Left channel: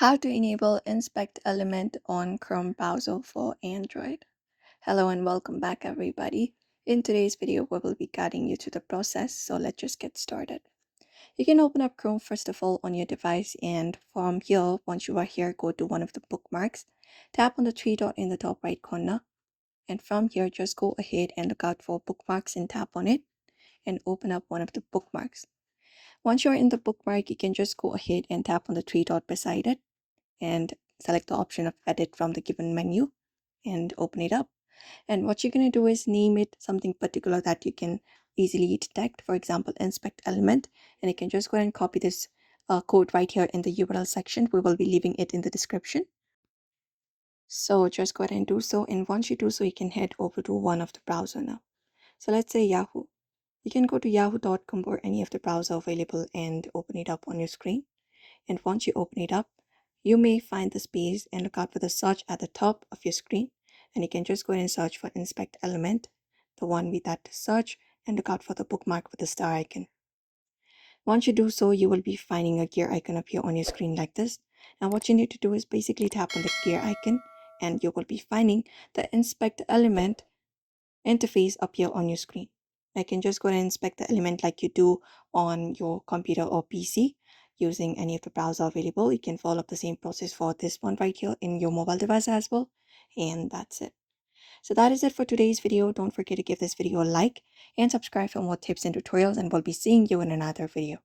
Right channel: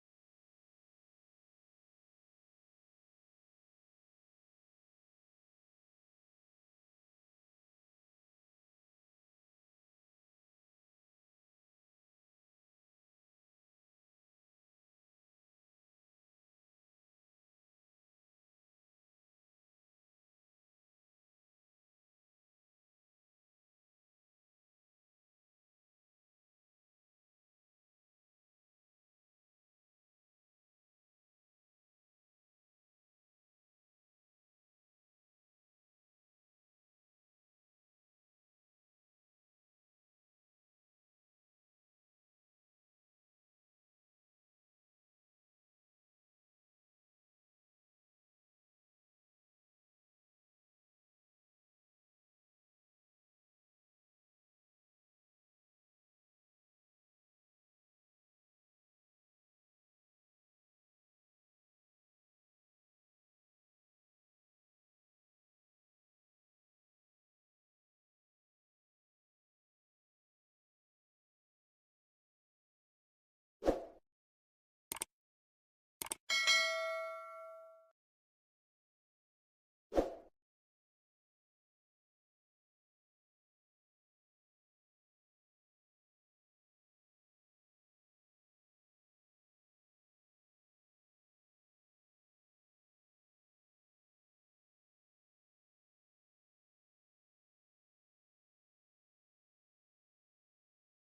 How to enable Inspect Element on Chrome browser for Android. Hello and welcome back everybody. In today's video, we will be guiding you through the process, so let's just get started. You can open up Chrome first of all on your device, and from here, once you are here, go to one of the bookmarks. Tap on the three dot in the top right corner, and from here, just go ahead and look out for bookmarks and tap on it and open up one of the bookmarks. Once you're in the bookmark, you can just go ahead and tap on the three dot beside it and select the option of edit from the given menu and open it up. And what you're going to do is name it something particular that you can easily detect, for example, inspect element. And you can just go ahead and copy this code right here in the URL section. We will be leaving it in the description. So just go ahead and do so. And once you do so, you can head over to one of the browser now. So let's say Yahoo. You can go to yahoo.com or any of the browser available and open it up on your screen. And once you open it up, you may find the space and look out for the search at the top of your screen. And you can just go ahead and search for inspect element, the one with that search, and look out for the bookmark with the star icon. Once you do so, you will be finding a gear icon appear on your screen like this. And what you need to do is basically tap on the gear icon and you will be finding the inspect element interface appear on your screen. I can just go ahead and inspect the element like you do on your computer or PC using any of the browser available. You can follow up the same process for this one right here in your mobile device as well. And that's it. So that is it for today's video. Don't forget to give this video a like and subscribe for more tips and tutorials, and we'll be seeing you in another video.